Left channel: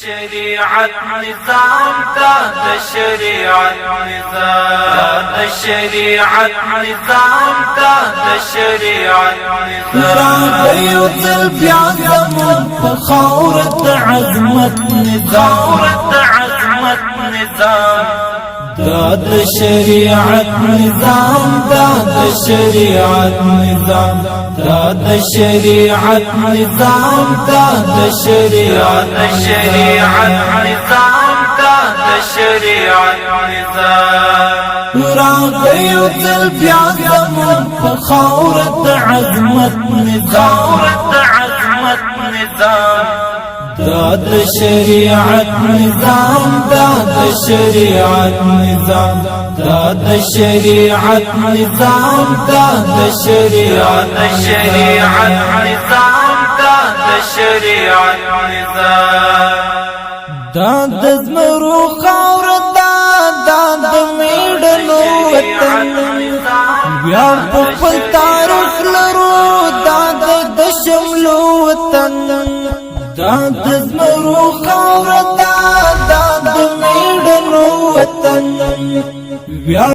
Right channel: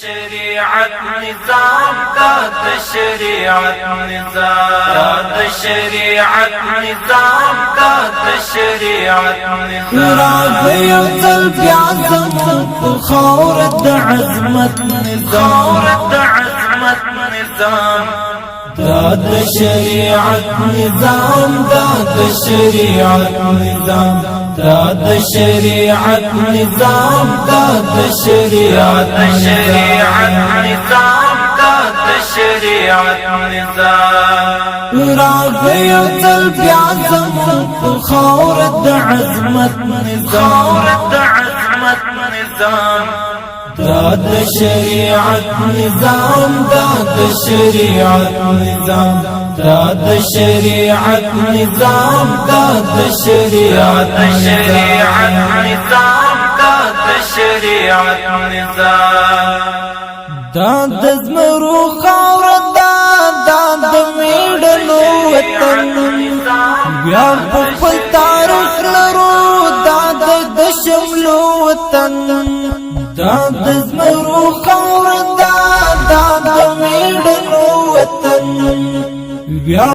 شريعة نظام داد شريعة نظام داد شريعة نظام داد شريعة نظام راغي وزل بعزم وخورة عزمة نظام عزمة نظام داد شريعة نظام داد شريعة نظام داد شريعة نظام داد شريعة نظام داد شريعة نظام راغي وزل بعزم وخورة عزمة نظام عزمة نظام داد شريعة نظام داد شريعة نظام داد شريعة نظام داد شريعة نظام داد شريعة نظام داد زمرو خاور داد میړنو وطن ویار په خپل تاریخ لرو داد د شملو وطن داد زمرو خاور داد میړنو وطن